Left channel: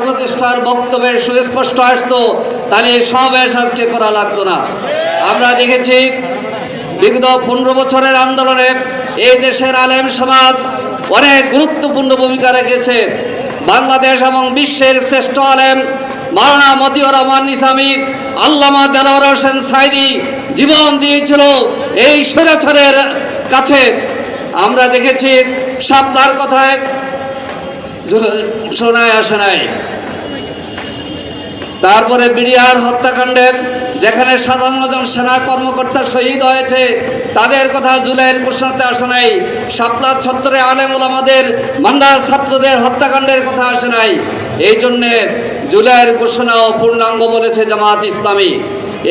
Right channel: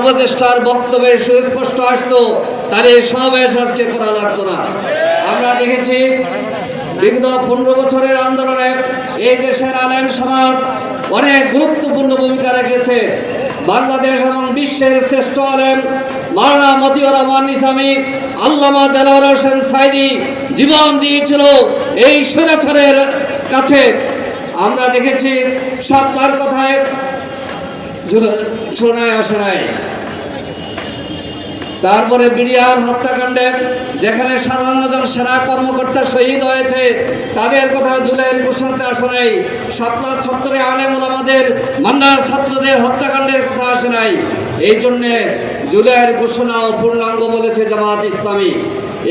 উপদেষ্টার বক্তব্যে সুস্পষ্ট আসতো, তাহলে সমাবেশ আজকে করা লাগতো না। আমরা দেখেছি বিগত পনেরো বছরের আন্দোলনে এই দেশের আলেম সমাজ অনেক গুরুত্বপূর্ণ ভূমিকা রেখেছে। বাংলাদেশ এবং বিশ্বের শ্রেষ্ঠ আলেম মাওলানা মতিউর রহমান ইসলামী আল্লামা দেলোয়ার হোসেন সাইদি জীবন দিয়েছিল এই স্বৈরাচারের কাছে। আমরা দেখেছি সাপ্তার কথায় শোনায় আসে নাই, তারপরে বিডিআর হত্যাকাণ্ডে যেখানে সাধারণ সেনা কর্মকর্তা শহীদ হয়েছে, তাদের কথা জুলাইয়ের ঘোষণাতে আসে নাই, শাপলা ছত্রে আলেমুল আমাদের মান্ডার ছাত্রদের হত্যাকাণ্ডের কথা আসে নাই। এই জন্যে জুলাইয়ের ঘোষণা ও পূর্ণাঙ্গ বলেছে জামাত ইসলামী।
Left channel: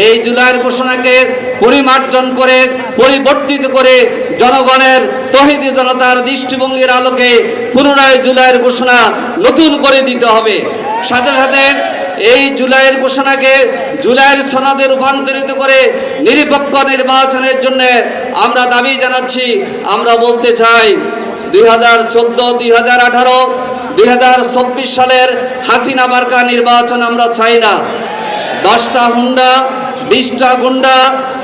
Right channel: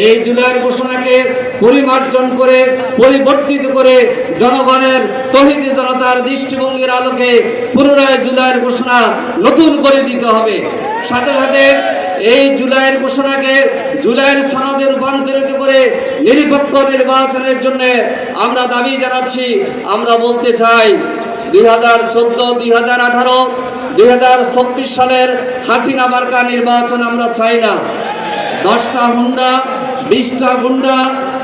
এই জুলাইয়ের ঘোষণাকে পরিমার্জন করে, পরিবর্তিত করে জনগণের তহিদি জনতার দৃষ্টিভঙ্গির আলোকে পুনরায় জুলাইয়ের ঘোষণা নতুন করে দিতে হবে। সাথে সাথে এই জুলাইয়ের ঘোষণাকে জুলাইয়ের সনদে রূপান্তরিত করে নিরপেক্ষ নির্বাচনের জন্য আমরা দাবি জানাচ্ছি। আমরা বলতে চাই, দুই হাজার চোদ্দ, দুই হাজার আঠারো, দুই হাজার চব্বিশ সালের হাসিনা মার্কা নির্বাচন আমরা চাই না। দশটা হুন্ডা, বিশটা গুন্ডা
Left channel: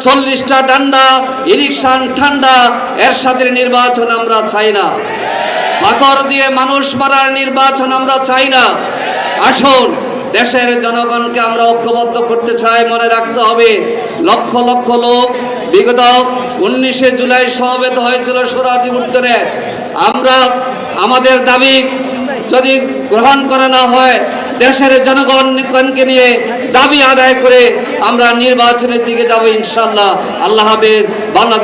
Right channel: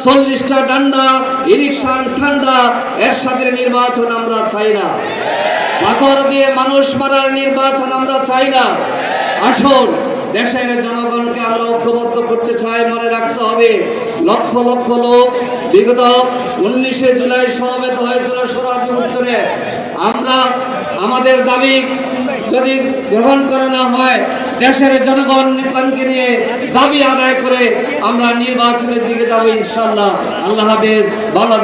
চল্লিশটা ডান্ডা ইরিকশান ঠান্ডা এর সাথে নির্বাচন আমরা চাই না। পাথর দিয়ে মানুষ মারার নির্বাচন আমরা চাই না। আসুন, দেশের জনগণকে আমরা ঐক্যবদ্ধ করতে চাই, মনে রাখতে হবে, লক্ষ লক্ষ লোক বিগত উনিশে জুলাই সমবেত হয়েছিল সোরাদি উত্তরে। আমরা, আমাদের দাবি যদি গ্রহণ করা না হয় দেশের জনগণকে নিয়ে দাবি আদায় করে আমরা নির্বাচনের দিকে যাব ইনশাল্লাহ আল্লাহ হাফেজ। বাংলাদেশ